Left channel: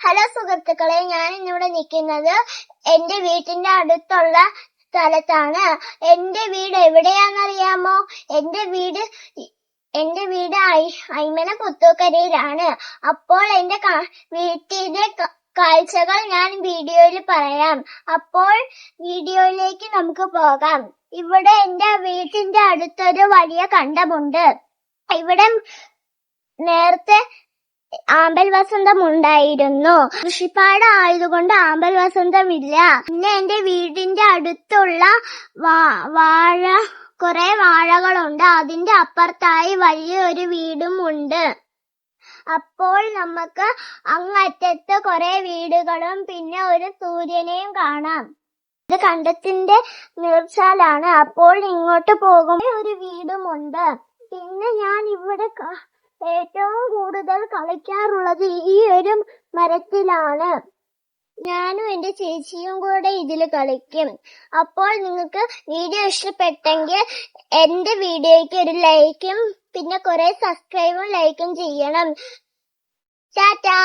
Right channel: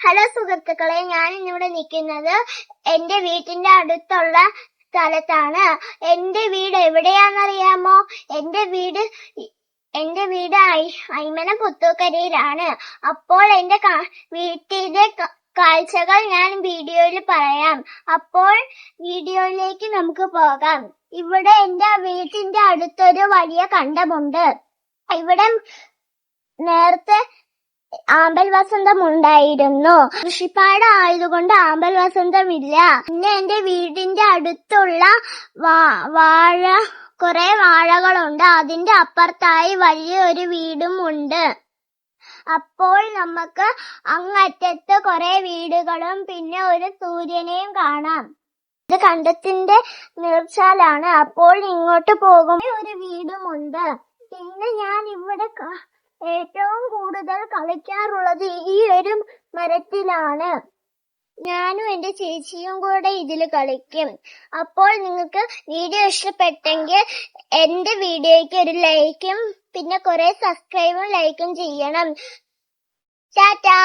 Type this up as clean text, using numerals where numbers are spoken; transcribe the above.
Hello സുഹൃത്തുക്കളെ, ഞാൻ ഇന്നിവിടെ നിൽക്കുന്നത് എന്റെ വീട്ടിന്റെ അടുത്തുള്ള സ്ഥലത്താണ്. എന്റെ വീട് എവിടെയാണെന്നറിയാമോ? എന്റെ വീട് അയ്മന പുത്തൂക്കരയിലാണ്. അപ്പോൾ എന്റെ വീട്ടിലെ കാഴ്ചകൾ ഞാൻ വീഡിയോയിൽ പറയാം. അപ്പോൾ വീഡിയോയിലേക്ക് നമുക്ക് പോകാം. ഇവിടെ എന്റെ വീട്ടിന്റെ അടുത്തൊരു വലിയ കണ്ടമുണ്ട്. ഇവിടെ നേരത്തെ ആമ്പൽ വസന്തം ഉണ്ടായിരുന്നു. കൃഷിപ്പാടം ആയതുകൊണ്ട് ആമ്പൽ വസന്തമില്ല. പിന്നെ എന്റെ വീടിന്റെ അടുത്തുള്ള കുറെ വാഴകളുണ്ട്. അതിന്റെ അപ്പുറത്തായി വലിയൊരു വീടും ഉണ്ട്. അപ്പോൾ നമുക്ക് അങ്ങറ്റത്ത് കുറെ വീടുകളും പിന്നെ ഒരു സൂര്യനെയും കാണാം. ഇത് കണ്ടത്തിന്റെ നീർച്ചാലാണ്. അപ്പോൾ ഇങ്ങോട്ട് പോകുമ്പോൾ ഒരു വീടുമുണ്ട്. പിന്നെ ഞാൻ ഇവിടെ ഏറ്റവും കൂടുതൽ കളിക്കാറുള്ളത് ഈ ഒരു മരത്തിലാണ്. ഞാനും എന്റെ ചേച്ചിയും കൂടെ ഇതിൽ കളിക്കും. അപ്പോൾ നിങ്ങൾക്ക് വീഡിയോ ഇഷ്ടപ്പെട്ടെങ്കിൽ എന്റെ വീഡിയോയ്ക്ക് ഒരു ലൈക്കും പിന്നെ കുറെ സബ്സ്ക്രൈബും ലൈക്കും ചെയ്യണം. ടാറ്റാ.